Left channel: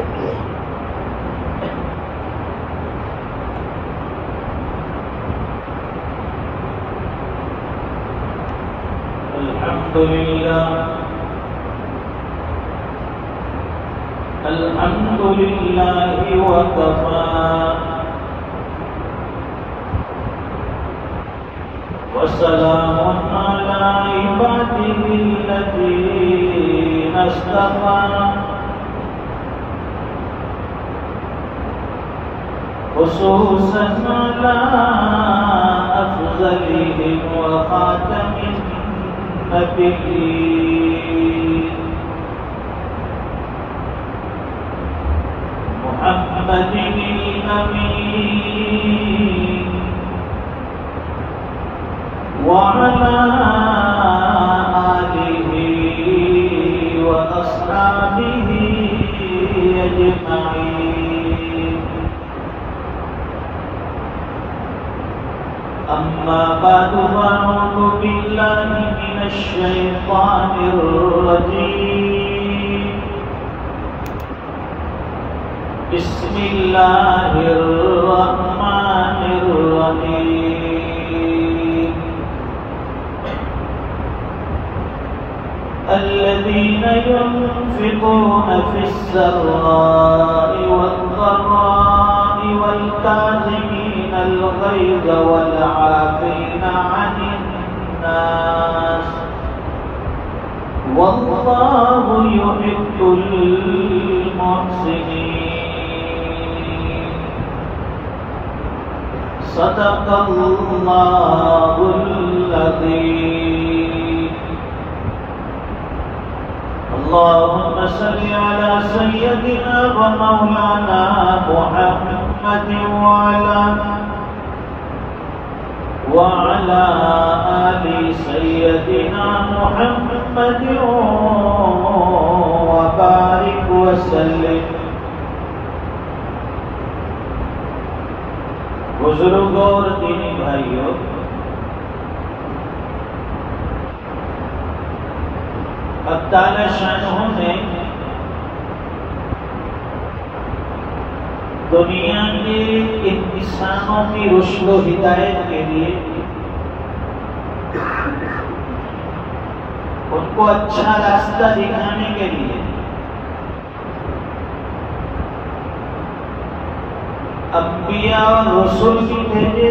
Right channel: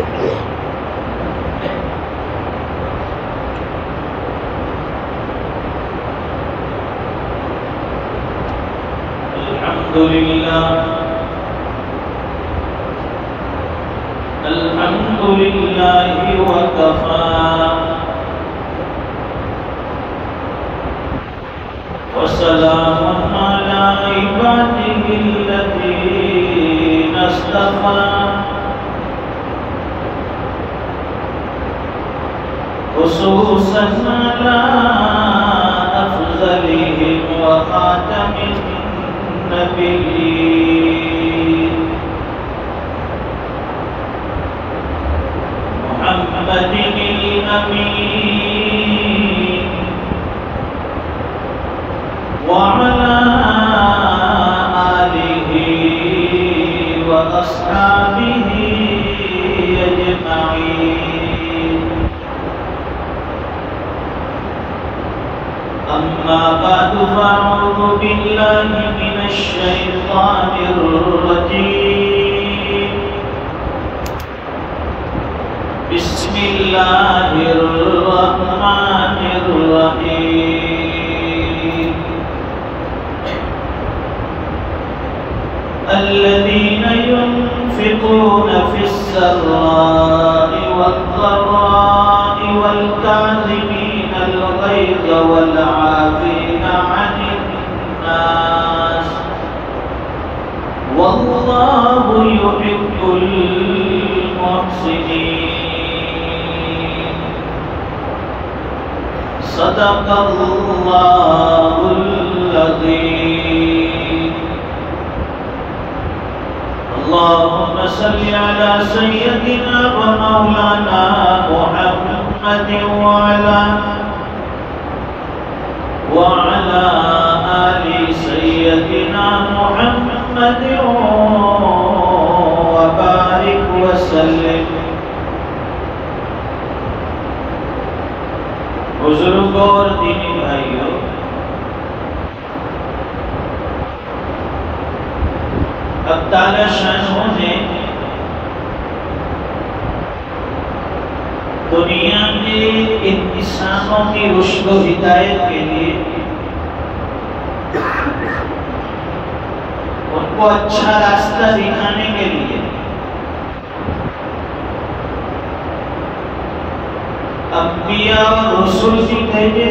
الحمد لله وكفى وسلام على عباده الذين اصطفى خصوصا على أفضلهم وخاتم النبيين محمد الأمين وعلى آله وأصحابه أجمعين أما بعد فأعوذ بالله من الشيطان الرجيم بسم الله الرحمن الرحيم الذين ينفقون في السراء والضراء والكاظمين الغيظ والعافين عن الناس والله يحب المحسنين صدق الله العظيم اللهم صل على سيدنا ومولانا محمد وعلى آل سيدنا محمد وبارك وسلم بزرگوں اور دینی بھائیوں، اب تعالی شانہ نے دنیا کے انسانوں کی رشد و ہدایت کے لیے ان کو اچھا راستہ دکھانے کے لیے انبیاء اور رسول بھی بھیجے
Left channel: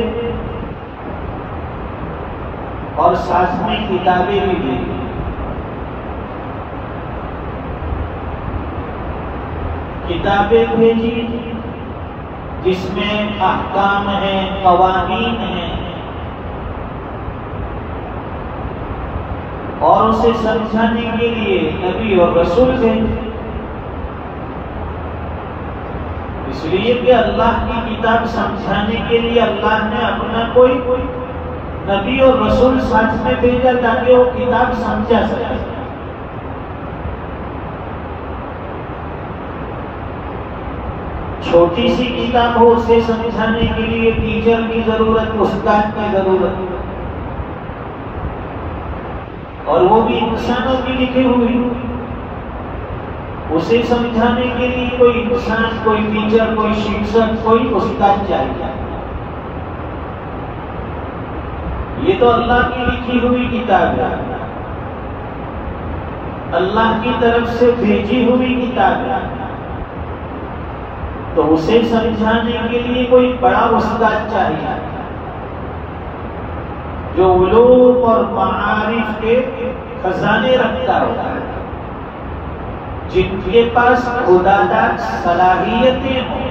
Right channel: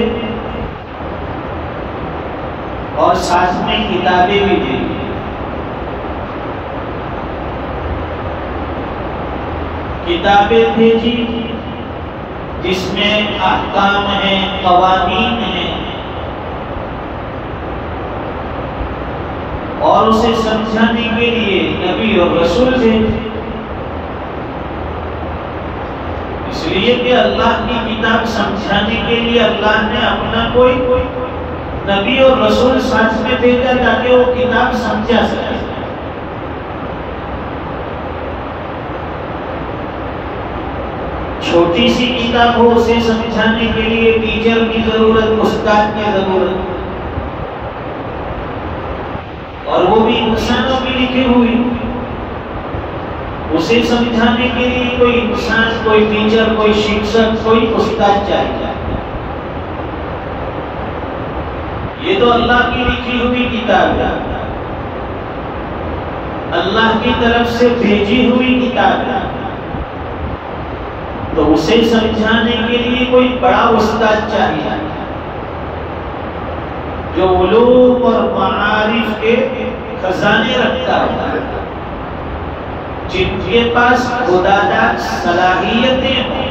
اور ساتھ میں کتابیں بھی دی۔ کتابیں بھیجی جس میں احکام ہیں، قوانین ہیں، اور اسے سمجھانے کے لیے نبی اور رسول بھیجے۔ اس لیے کہ اللہ کی کتاب سمجھانے کے لیے اللہ نے اپنا کوئی نبی اور رسول ساتھ میں بھیجا تاکہ وہ کتاب سمجھا سکے۔ چھوٹی سی کتاب ہو، اسے سمجھانے کے لیے ٹیچر کی ضرورت، استاد کی ضرورت، اور وہ بھی انسانوں کی لکھی ہوئی، اسے سمجھانے کے لیے کوئی انسان، کوئی ٹیچر، کوئی شکشک، کوئی استاد چاہیے۔ یہ تو اللہ کی لکھی ہوئی کتاب ہے، اللہ کی طرف سے بھیجی ہوئی کتاب ہے، تو اسے سمجھانے کے لیے کوئی بڑا استاد چاہیے جو علوم اور معارف کے خزانے رکھتا ہوتا ہے، جن کے پاس خداداد صلاحیتیں ہوں،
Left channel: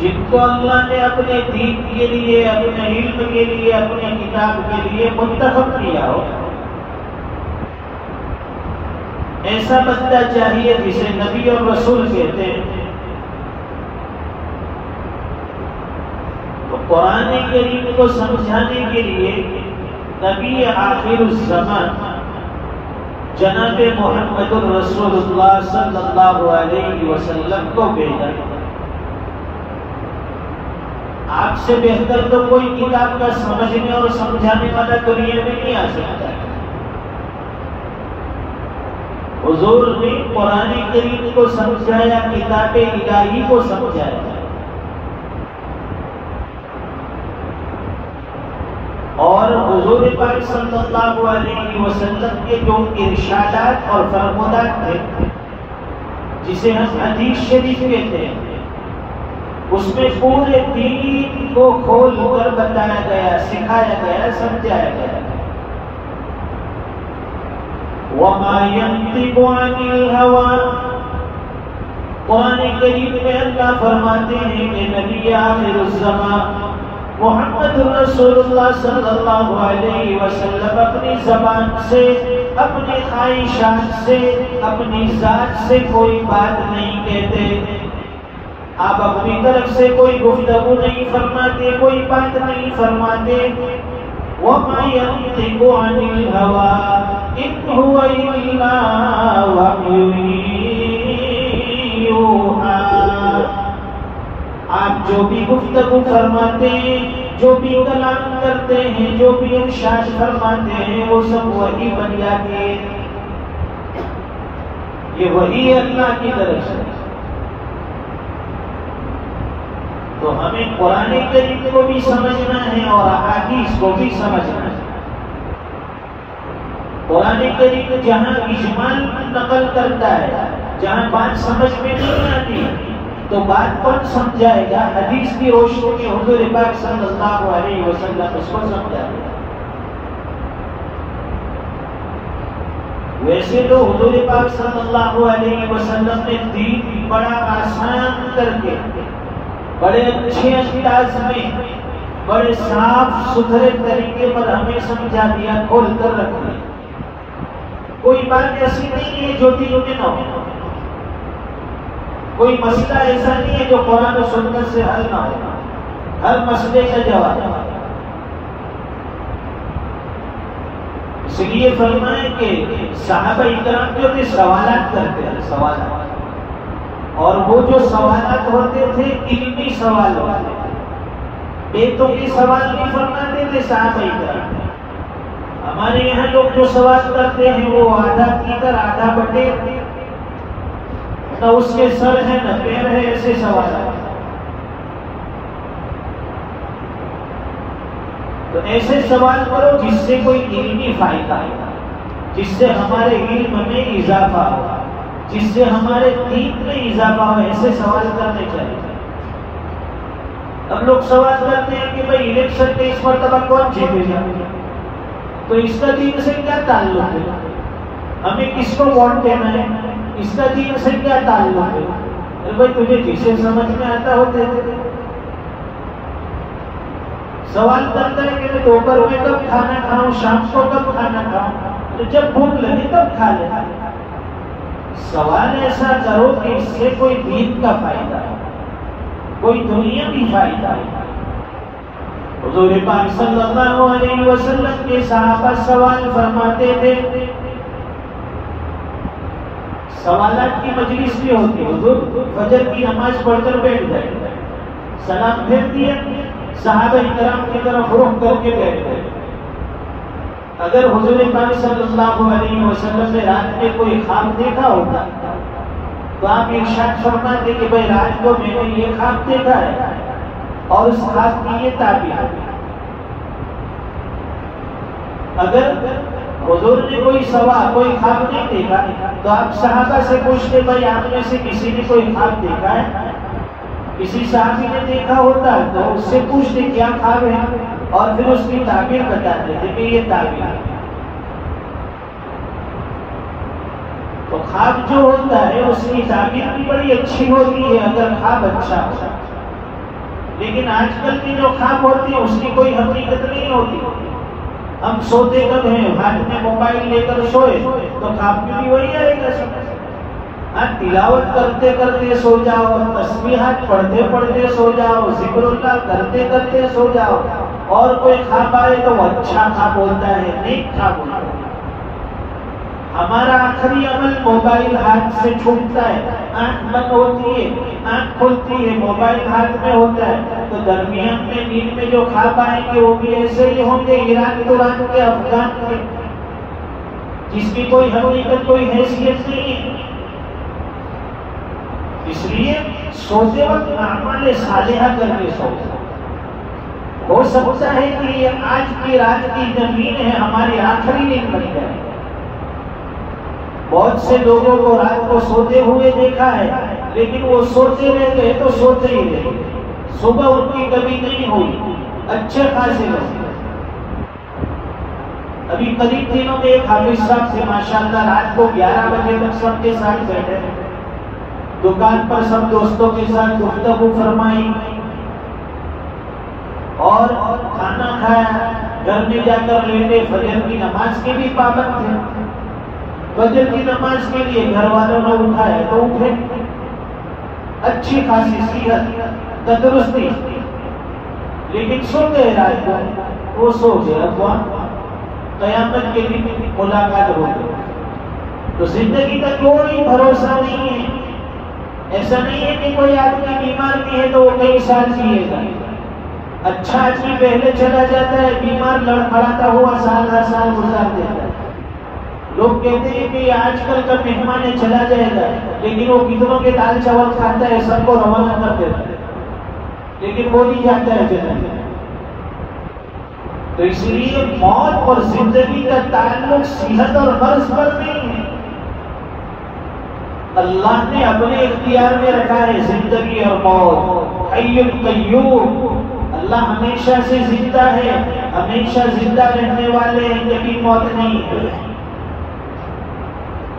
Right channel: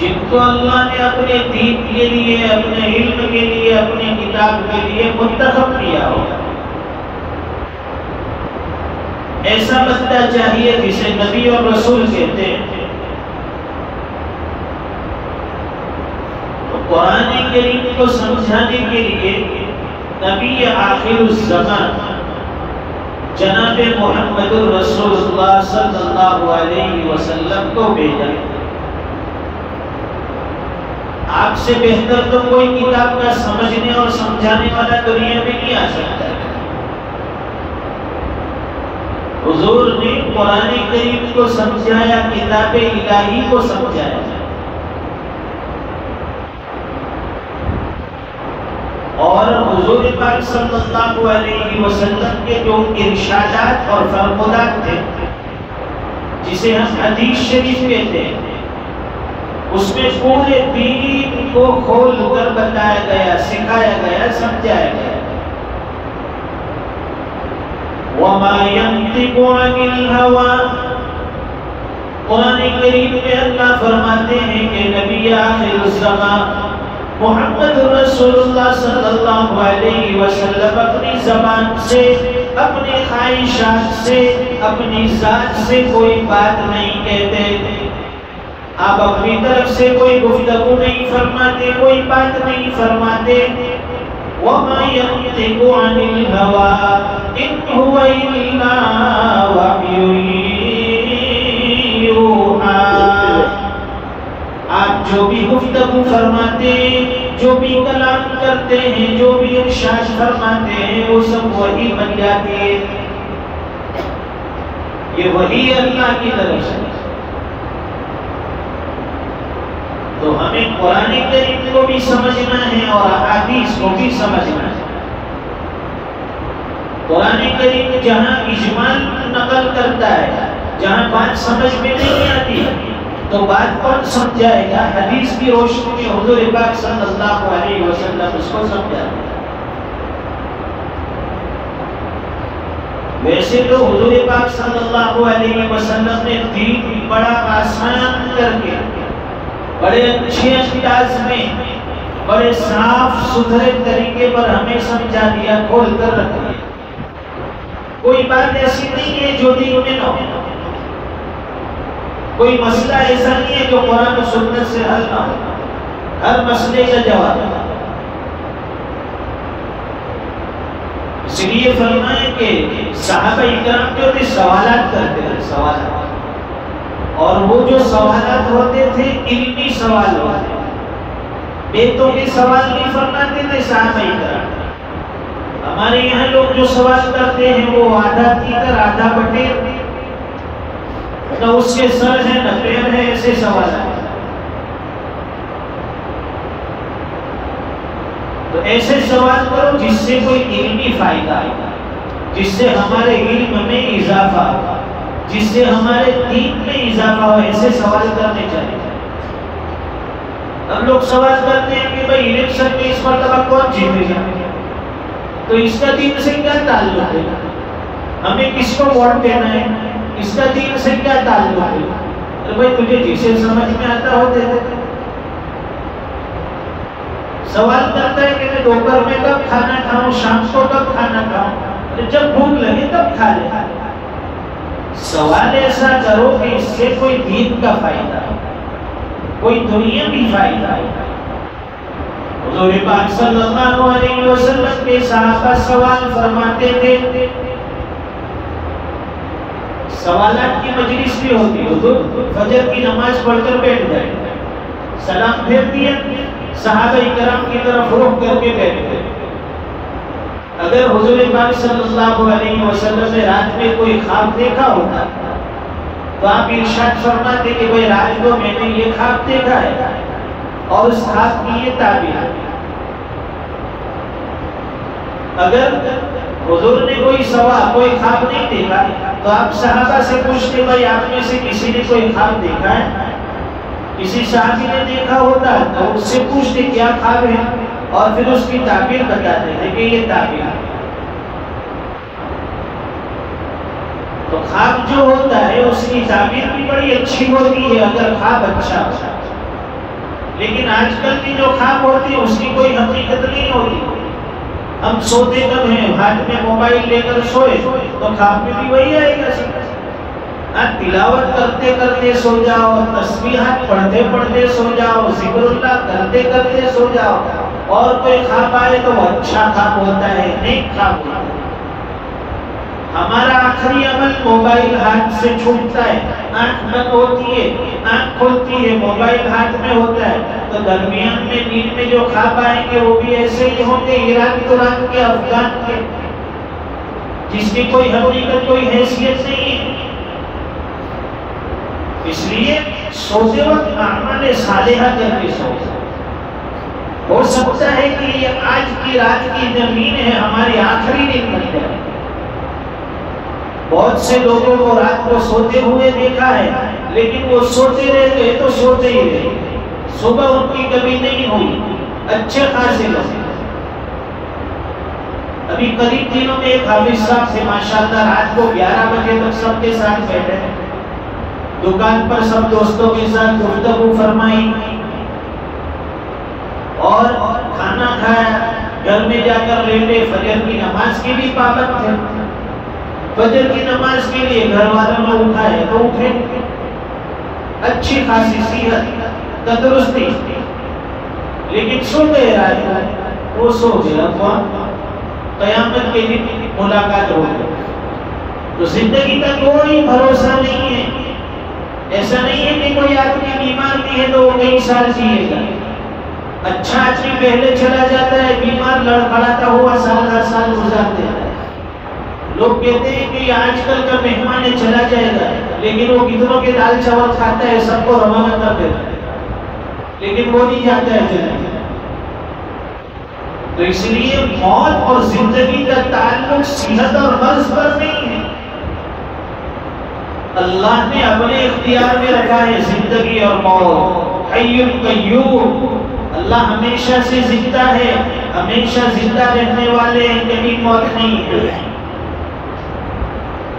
جن کو اللہ نے اپنے دین کے لیے، اپنے علم کے لیے، اپنے کتاب کے لیے منتخب کیا ہو۔ ایسا بندہ چاہیے جسے نبی اور رسول کہتے ہیں۔ تو قرآن کریم کو سمجھانے کے لیے نبی آخر الزمان جناب محمد الرسول اللہ صلی اللہ علیہ وسلم کو بھیجا۔ آپ سے بہتر تو کوئی کتاب کا سمجھنے اور سمجھانے والا دنیا میں نہیں آ سکتا۔ حضور نے قرآن کریم کو سمجھایا، کتاب الہی کو سمجھایا، اور حضور پاک صلی اللہ علیہ وسلم کے جو ارشادات اور فرمودات تھے جسے ہم حدیث شریف کہتے ہیں، اس میں پورے دین کو کھول کر بتایا گیا، سکھایا گیا، سمجھایا گیا۔ وَمَا يَنطِقُ عَنِ الْهَوَىٰ، قرآن کریم میں اللہ فرماتے ہیں کہ نبی آخر الزمان محمد رسول اللہ صلی اللہ علیہ وسلم اپنی زبان سے، اپنی خواہشات سے، اپنی ذات سے کوئی بات نہیں کہتے۔ آپ اپنی طرف سے کوئی گفتگو نہیں فرماتے، کوئی بات نہیں فرماتے۔ وَمَا يَنطِقُ عَنِ الْهَوَىٰ إِنْ هُوَ إِلَّا وَحْيٌ یوحیٰ۔ آپ جو بھی گفتگو فرماتے ہیں، جو بھی کلام کرتے ہیں، جو بھی ارشاد فرماتے ہیں، وہ سب وحی بن جاتی ہے۔ یہ وحی اللہ کی طرف سے۔ تو ہمیں قرآن کریم کو بھی سمجھنا ہے اور احادیث کو بھی سمجھنا ہے۔ قرآن کریم جہاں اجمال نقل کرتا ہے، جہاں بات سمجھ میں نہیں آتی تو بات کون سمجھائے گا؟ حدیث کی روشنی میں حضور پاک صلی اللہ علیہ وسلم اس کو سمجھائے۔ ویسے تو حضور پاک صلی اللہ علیہ وسلم نے دین بڑا آسان کر کے، بڑے اچھے انداز میں، بڑے صاف ستھرے طریقے پر ہمیں سمجھا دیا، کھول کر رکھ دیا۔ کوئی بات ایسی نہیں ہے جو دین میں نہ ہو، کوئی مسئلہ ایسا نہیں ہے جو قرآن و سنت سے حل نہ ہو، ہر مسئلے کا جواب ہے۔ اس لیے فرمائیں کہ صحابہ اکرام جو بھی سوالات کرتے ہیں، سوالات، اور وہ جو سوالات ہوتے تھے علمی سوال ہوتے تھے، بیتوں کے سوال نہیں فرماتے تھے صحابہ اکرام۔ ہمارے یہاں لوگ جو سوال کرتے ہیں وہ آدھا تیتر آدھا بٹیر، نہ اس کے سر ہے نہ پیر ہے، ایسے سوالات۔ تو ایسے سوال کرو جس سے کوئی علمی فائدہ آئے، جس سے ہمارے علم میں اضافہ ہو، جس سے ہمارے دین میں اضافہ ہو، ایسے سوال کرنے چاہیے۔ ہم لوگ سوال کرتے ہیں کہ بھائی الیکشن میں اس مرتبہ کون جیتے گا، تو اس کا دین سے کیا تعلق ہے؟ ہمیں کس کو ووٹ دینا ہے، اس کا دین سے کیا تعلق ہے؟ ارے بھائی تجھے جسے سمجھ میں آتا ہو دے دے۔ سوال کرتا ہے کہ میں دوپہر میں کب کھانا کھاؤں، شام کو کب کھانا کھاؤں، جب بھوک لگے تب کھا لے۔ سوال ایسا کرو کہ اس سے کوئی دین کا فائدہ، کوئی دنیاوی فائدہ ہے۔ حضور پاک صلی اللہ علیہ وسلم کے صحابہ سوال فرماتے تھے، سوالات کی مجلس بھی ہوتی ہے۔ حضور فجر کی نماز پڑھ کر بیٹھ گئے، سلام پھیر دیا، صحابہ کرام کی طرف رخ کر کے بیٹھ گئے۔ اگر حضور پاک صلی اللہ علیہ وسلم نے رات میں کوئی خواب دیکھا ہوتا تو آپ ارشاد فرماتے کہ بھائی رات کو میں نے یہ خواب دیکھا ہے اور اس خواب کی یہ تعبیر۔ اگر حضور نے کوئی خواب نہیں دیکھا تو آپ صحابہ سے پوچھتے بھائی آپ میں سے کسی نے کوئی خواب دیکھا ہے؟ کسی صحابی نے دیکھا ہوتا تو اس سے پوچھتے کیا خواب ہے، اور پھر اس کی تعبیر بتاتے ہیں کہ یہ تعبیر ہے۔ تو خواب جو ہوتا ہے اس کی تعبیر بھی بڑی اچھی ہوتی ہے اگر خواب اچھا ہوتا ہے، لیکن آج کل کی جو خواب ہوتی ہے اس کی کوئی حقیقت نہیں ہوتی۔ ہم سوتے کب ہیں، ہاتھ میں موبائل لے کر سوئے تو خواب میں بھی وہی آئے گا۔ تلاوت کرتے کرتے سو جاؤ، تسبیحات پڑھتے پڑھتے سو جاؤ، ذکر اللہ کرتے کرتے سو جاؤ، اور کوئی خواب آئے تو وہ اچھا خواب ہوتا ہے، نیک خواب ہوتا ہے۔ ہمارا آخری عمل موبائل ہاتھ سے چھوٹتا ہے، آنکھ بند ہوتی ہے، آنکھ کھلتی ہے، موبائل ہاتھ میں ہوتا ہے، تو درمیان میں نیند میں جو خواب آئیں گے وہ بھی ایسے ہی ہوں گے، ایران کے افغان کے، جس کی کوئی حقیقت کوئی حیثیت نہیں سوتے وقت اعمال صالحہ کر کے سو. ہو سکتا ہے کہ یہ آج کی رات کی زمین ہے ہماری آخری دن بن جائے. بہت سے لوگوں کو رات کو سوتے ہوئے دیکھا ہے لیکن وہ سوتے رہ گئے تو سوتے ہی رہے. صبح ان کی کبھی نہیں ہوئی. اچھے خاصے لوگ. ابھی قریب دنوں میں ایک حافظ صاحب سے ماشاءاللہ رات کو 11 بجے تک سب کے ساتھ بیٹھے, دکان پر سب دوستوں کے ساتھ گفتگو فرمائی اور کھانا کھایا. گھر میں جا کر لیٹے. فجر کی نماز کی بھی پابند تھے. فجر کی نماز کے لیے گھر والوں نے اٹھائے تو اٹھے. اچھی خاصی صحت تندرستی, لیکن سو گئے رات کو. وہ سو گیا ہوا. قیامت کے دن ملاقات ہو گئی. تو زندگی کا کوئی بھروسہ نہیں ہے. ایسا نہیں ہے کہ کوئی آدمی بیمار بھی ہے تو وہ کئی سال جیے گا. اچھا آدمی پہلے چلا جاتا ہے, بیمار لڑکھڑاتا ہوا سال ہر سال گزار دیتا ہے. لوگ کہتے ہیں کہ آج کل کا مہمان چلا جائے گا, لیکن وہ کتنوں کے دال چاول کھاتا ہے, سب کو روانہ کر دیتا ہے, لیکن وہ نہیں جاتا ہے چلا. تو اس لیے موت اور زندگی کا تعلق صحت اور مرض پر نہیں ہے. اللہ نے اپنے اختیار میں رکھا ہے زندگی اور موت. حی قیوم. اللہ ہمیشہ سے زندہ ہے, ہمیشہ زندہ رہنے والے, کبھی موت نہیں ہے.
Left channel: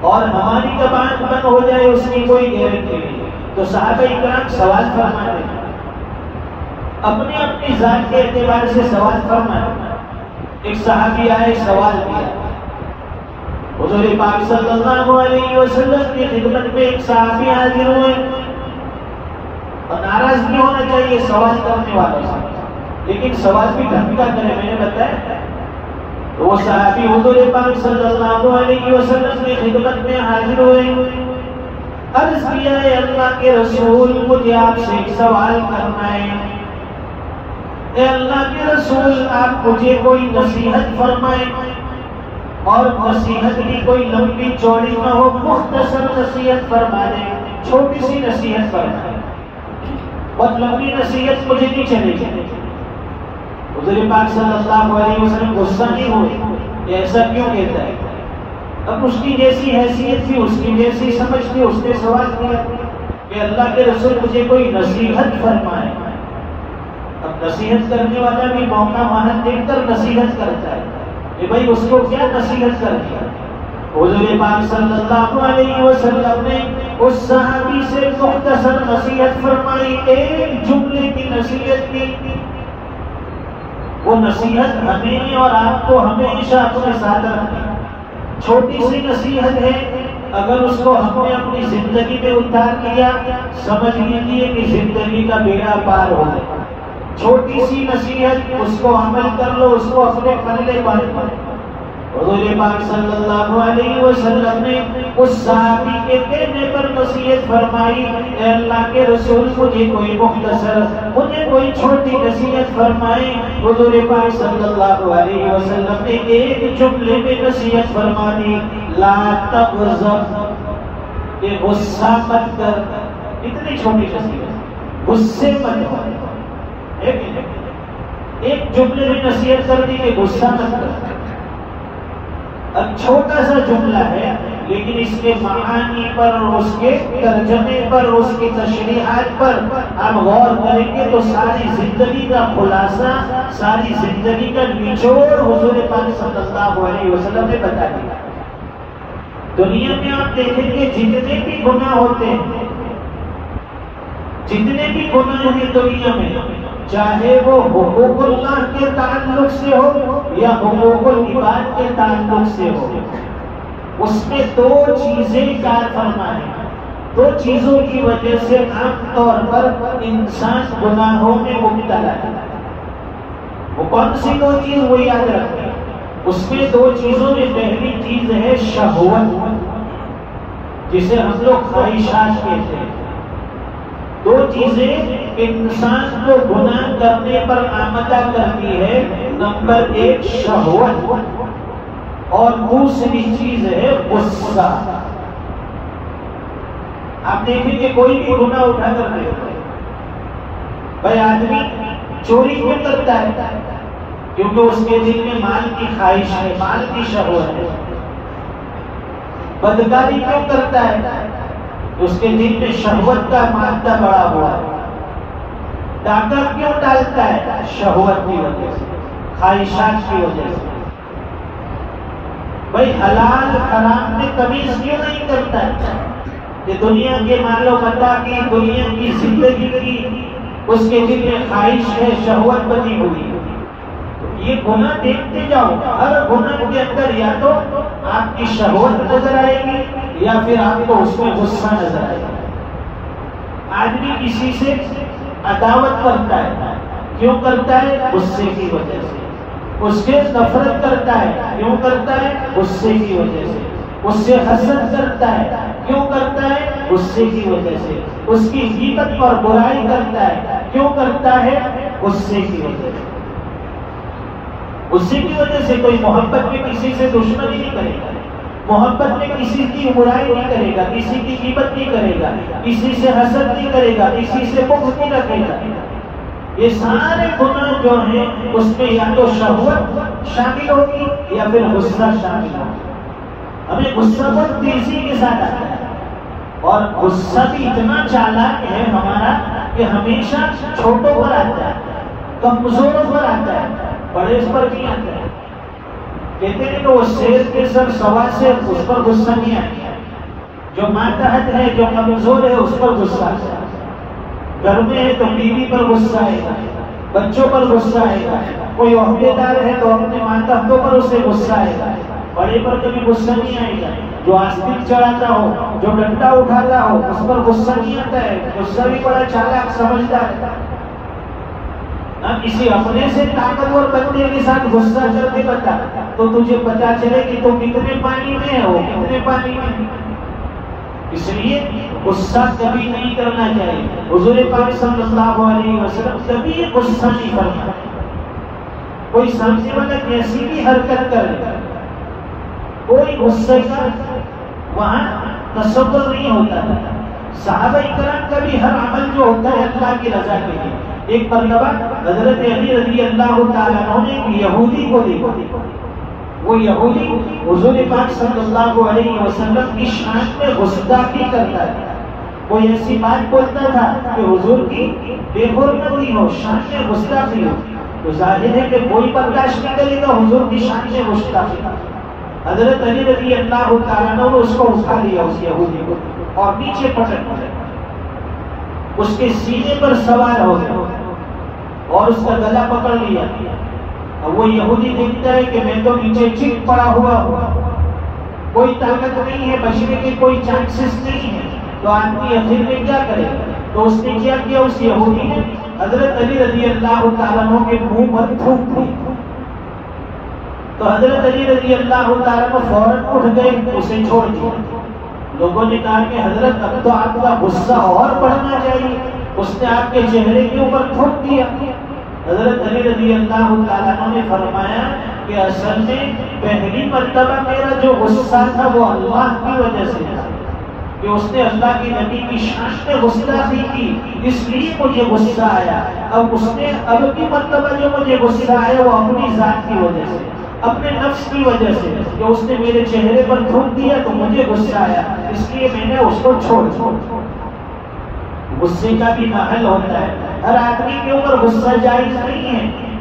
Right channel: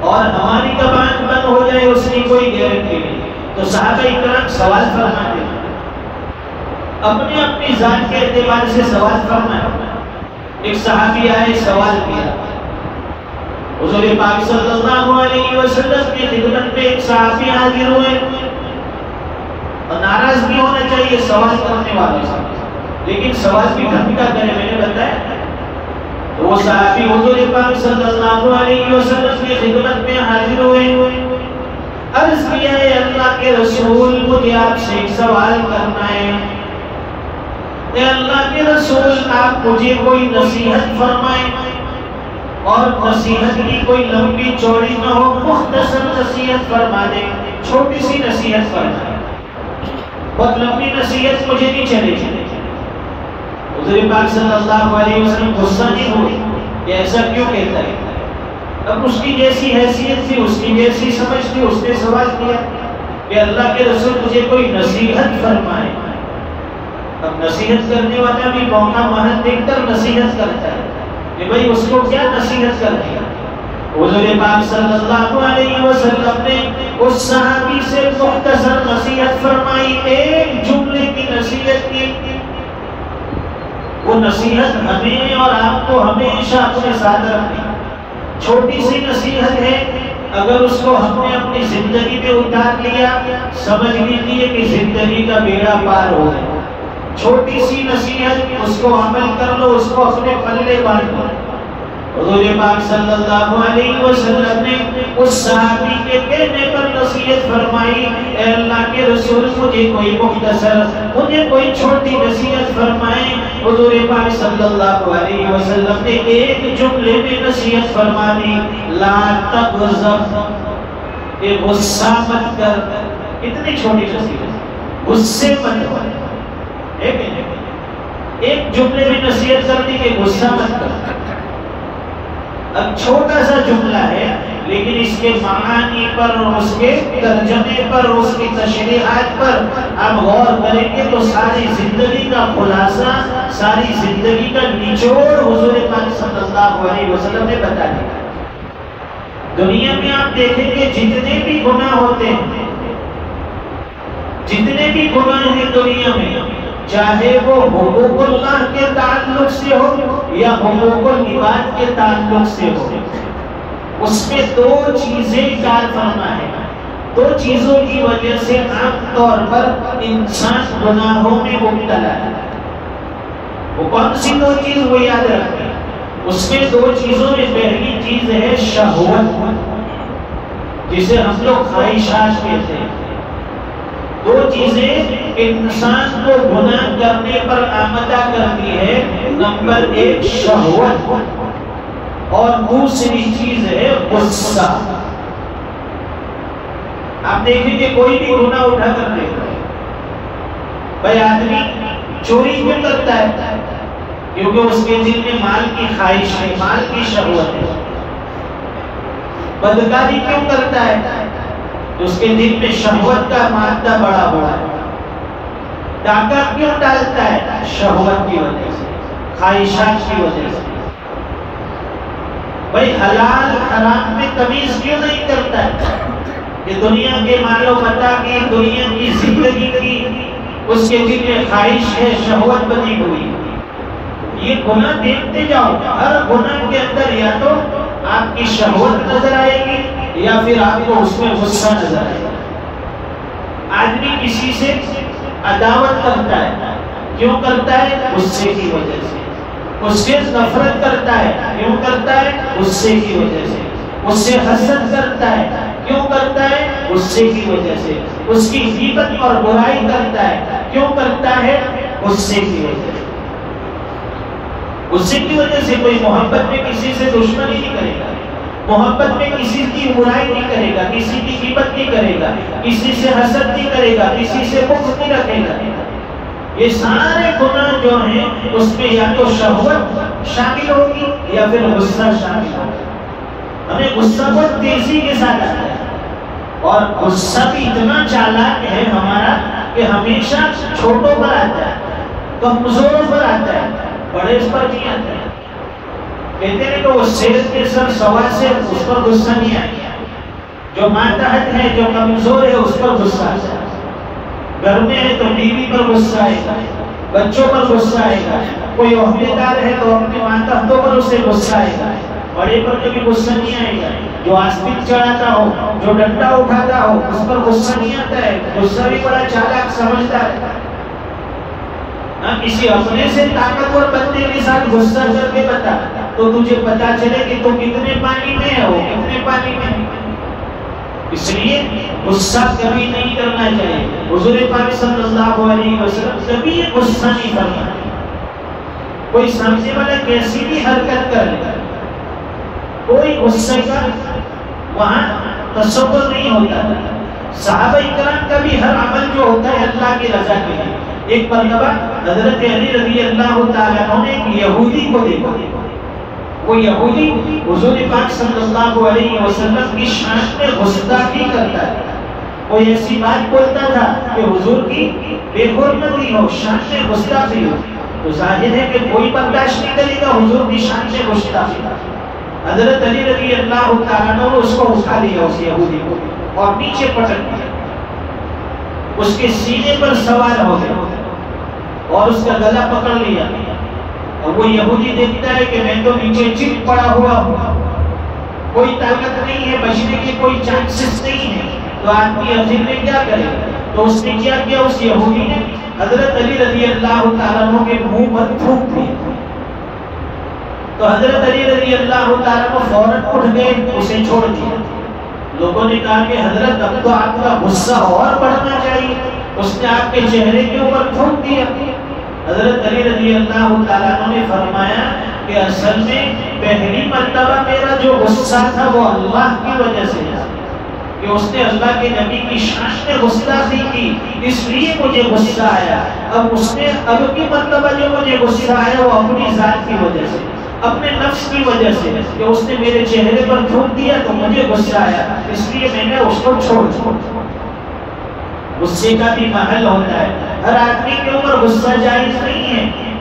اور ہماری کب آنکھ بند ہو جائے اس کی کوئی گارنٹی نہیں. تو صحابہ اکرام سوال فرماتے ہیں, اپنی اپنی ذات کے اعتبار سے سوال فرمائے. ایک صحابی آئے, سوال کیا. حضور پاک صلی اللہ علیہ وسلم کی خدمت میں ایک صحابی حاضر ہوئے. اور ناراض بھی ہونا چاہیے سوال کرنے والے سے, لیکن سوال بھی ڈھنگ کا کرے. میں نے بتایا وہ صحابی حضور پاک صلی اللہ علیہ وسلم کی خدمت میں حاضر ہوئے. عرض کیا ہے اللہ کے رسول, مجھے آپ سے ایک سوال کرنا ہے. اے اللہ کے رسول, آپ مجھے کوئی نصیحت فرمائیں, اور نصیحت کی کوئی لمبی چوڑی نہ ہو, مختصر نصیحت فرما دیں. چھوٹی سی نصیحت فرمائیں, بہت لمبی نصیحت مجھے نہیں چلے گی. حضور پاک صلی اللہ علیہ وسلم غصہ نہیں ہوئی کہ ایسا کیوں کہتا ہے. اب اس کی جیسی حیثیت تھی, اس کی جیسی سمجھ تھی, اس نے سوال کیا کہ اللہ کے رسول مجھے کوئی نصیحت فرمائے. اب نصیحت کرنے والا بھی موقع محل دیکھ کر نصیحت کرتا ہے کہ بھائی اس کو کیا نصیحت کر دیا. حضور پاک صلی اللہ علیہ وسلم نے اس صحابی سے مختصر نصیحت فرمائی, ایک جملے کی نصیحت کی. وہ نصیحت ہمیں اور آپ کو ہمیشہ اپنے ساتھ رکھنی. چھوٹی سی نصیحت ہے, اگر اس کو ہم نے اپنی زندگی میں اتار لیا, سمجھ لیجیے کہ زندگی کا بیڑا پار ہو گیا. چھوٹی سی نصیحت, اس کو عمل کر لو, اس کو اپنے پلے باندھ لو. حضور پاک صلی اللہ علیہ وسلم نے اس صحابی کے کہنے پر نصیحت فرمائی, اے اللہ کے رسول مجھے کوئی مختصر, مجھے کوئی چھوٹی نصیحت فرمائے. حضور پاک صلی اللہ علیہ وسلم نے ایک جملے میں نصیحت فرما دی, لا تغضب, کہ غصہ مت کر. اتنی چھوٹی نصیحت, غصے مت کر. ایک جملے میں نصیحت کر دی کہ غصہ مت کر. اب چھوٹا سا جملہ ہے, لیکن اس کے معانی پر اور اس کے ترجمے پر, اس کی تشریحات پر آپ غور کریں گے تو ساری زندگی کا خلاصہ, ساری زندگی کا نچوڑ حضور پاک صلی اللہ علیہ وسلم نے بتا دیا. دنیا میں آپ دیکھیں گے جتنے بھی گناہ ہوتے ہیں, جتنے بھی گناہ ہیں دنیا میں, چاہے وہ حقوق اللہ کے تعلق سے ہو یا حقوق العباد کے تعلق سے ہو, اس میں دو چیزیں کار فرما ہے. دو چیزوں کی وجہ سے عام طور پر انسان گناہوں میں مبتلا ہے. وہ کون سی دو چیز, وہ یاد رکھیں. اس میں دو چیزوں میں پہلی چیز ہے شہوت, جسے ہم لوگ خواہشات کہتے ہیں. دو چیزیں انسان کو گناہ کرنے پر آمادہ کرتی ہے. نمبر ایک شہوت, اور دوسری چیز ہے غصہ. آپ دیکھیں کہ کوئی بھی گناہ اٹھا کر نہیں, بھائی آدمی چوری کیوں کرتا ہے؟ کیونکہ اس کے دل میں مال کی خواہش ہے، مال کی شہوت ہے۔ بدکاری کیوں کرتا ہے؟ اس کے دل میں شہوت کا مادہ بڑا ہوا ہے۔ ڈاکہ کیوں ڈالتا ہے؟ شہوت کی وجہ سے، خواہشات کی وجہ سے۔ بھائی حلال حرام میں تمیز کیوں نہیں کرتا ہے؟ کہ دنیا کے مال و متاع کی، دنیا کی زندگی کی اس کے دل میں خواہش ہے، شہوت بنی ہوئی۔ یہ گناہ دیکھتے جاؤ، ہر گناہ کے اندر یا تو آپ کی شہوت نظر آئے گی یا پھر آپ کو اس میں غصہ نظر آئے گا۔ آدمی کسی سے عداوت کرتا ہے، کیوں کرتا ہے؟ غصے کی وجہ سے۔ اس سے نفرت کرتا ہے، کیوں کرتا ہے؟ غصے کی وجہ سے۔ اس سے حسد کرتا ہے، کیوں کرتا ہے؟ غصے کی وجہ سے۔ اس کی غیبت پر برائی کرتا ہے، کیوں کرتا ہے؟ غصے کی وجہ سے۔ غصے کی وجہ سے کوئی محبت میں کسی سے دشمنی نہیں کرے گا، محبت میں کسی کی برائی نہیں کرے گا، کسی کی غیبت نہیں کرے گا، کسی سے حسد نہیں کرے گا، کسی سے بغض نہیں رکھے گا۔ یہ سارے گناہ جو ہیں اس میں یا تو شہوت شامل ہوگی یا پھر غصہ شامل ہوگا۔ ہمیں غصہ بہت تیزی کے ساتھ آتا ہے، اور غصہ بھی اتنا چالاک ہے ہمارا کہ ہمیشہ چھوٹوں پر آتا ہے، کمزوروں پر آتا ہے، بڑے اس پر نہیں آتا ہے۔ کہتے ہیں کہ وہ شیر کے سر سوار سے اس پر غصہ نہیں آیا، جو ماتحت ہے، جو کمزور ہے، اس پر غصہ آتا ہے۔ گھر میں ہے تو بیوی پر غصہ آئے گا، بچوں پر غصہ آئے گا، کوئی عہدے دار ہے تو اپنے ماتحتوں پر اسے غصہ آئے گا، بڑے پر کبھی غصہ نہیں آئے گا۔ جو آسپن چڑھاتا ہو، جو ڈنڈا اٹھاتا ہو، اس پر غصہ نہیں آتا ہے، غصہ بھی بڑا چالاک سمجھدار ہے۔ کسی اپنے سے طاقتور بندے کے ساتھ غصہ کر کے بتا تو تجھے پتا چلے کہ تو کتنے پانی میں ہے، وہ کتنے پانی میں ہے۔ اس لیے غصہ کبھی نہیں کرنا چاہیے۔ حضور پاک صلی اللہ علیہ وسلم کبھی غصہ نہیں کرنا۔ کوئی سامنے والا کیسی بھی حرکت کر لے، کوئی غصے کا وہاں تصور نہیں ہوتا۔ صحابہ اکرام کا بھی ہر عمل جو ہوتا ہے اللہ کی رضا کے لیے۔ ایک مرتبہ حضرت علی رضی اللہ تعالیٰ عنہ نے ایک یہودی کو دیکھا، وہ یہودی حضور پاک صلی اللہ علیہ وسلم کی شان میں گستاخی کرتا ہے۔ کوئی ایسی بات بولتا تھا کہ حضور کی بے حرمتی ہو، شان میں گستاخی ہو، تو ظاہر ہے کہ کوئی برداشت نہیں کرے گا حضور کی شان میں گستاخی۔ حضرت علی رضی اللہ تعالیٰ عنہ نے اس کو اٹھا لیا، اس یہودی کو، اور نیچے پٹک دیا، اس کے سینے پر سوار ہو گیا اور اس کا گلا پکڑ لیا۔ اور وہ یہودی دیکھتا ہے کہ میں تو نیچے چپ پڑا ہوا ہوں، کوئی طاقت نہیں ہے، بچنے کے کوئی چانسز نہیں ہے، تو آدمی آخر میں کیا کرے گا؟ تو اس نے کیا کیا؟ اس یہودی نے حضرت علی رضی اللہ تعالیٰ عنہ کے منہ پر تھوک دیا۔ تو حضرت علی رضی اللہ تعالیٰ عنہ فوراً اٹھ گئے، اسے چھوڑ دیا۔ لوگوں نے کہا کہ حضرت اب تو آپ کا غصہ اور بڑھنا چاہیے، اس نے آپ کے چہرے کے اوپر تھوک دیا۔ حضرت علی رضی اللہ تعالیٰ عنہ نے فرمایا کہ اصل میں پہلی مرتبہ میرا جو غصہ تھا وہ اللہ کی وجہ سے تھا، کہ اس نے اللہ کے نبی کی شان میں گستاخی کی، اس لیے مجھے غصہ آیا۔ اب کی مرتبہ جو مجھے غصہ آیا وہ اپنی ذات کی وجہ سے، اپنے نفس کی وجہ سے، کہ اس نے میرے چہرے پر تھوک دیا تو مجھے غصہ آیا، اس لیے میں نے اس کو چھوڑ دیا۔ غصے کا بھی محل ہوتا ہے، ہر آدمی کے اوپر غصہ جائز نہیں ہے۔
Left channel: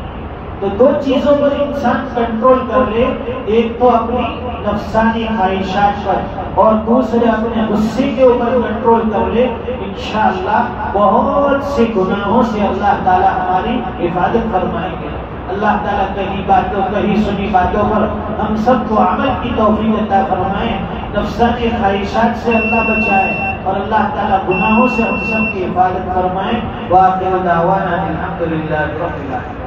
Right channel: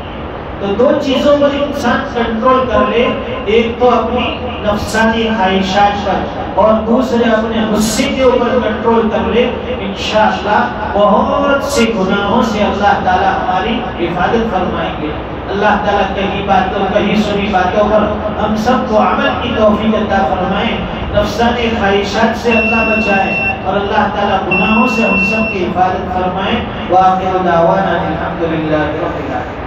تو دو چیزوں پر انسان کنٹرول کر لے، ایک تو اپنی نفسانی خواہشات پر، اور دوسرے اپنے غصے کے اوپر کنٹرول کر لے، انشاءاللہ بہت سے گناہوں سے اللہ تعالیٰ ہماری حفاظت فرمائیں گے۔ اللہ تعالیٰ کہیں سنی باتوں پر ہم سب کو عمل کی توفیق عطا فرمائے، نفسانی خواہشات سے اللہ بچائے، اور اللہ تعالیٰ گناہوں سے ہم سب کی حفاظت فرمائے۔ وآخر دعوانا الحمدللہ رب العالمین۔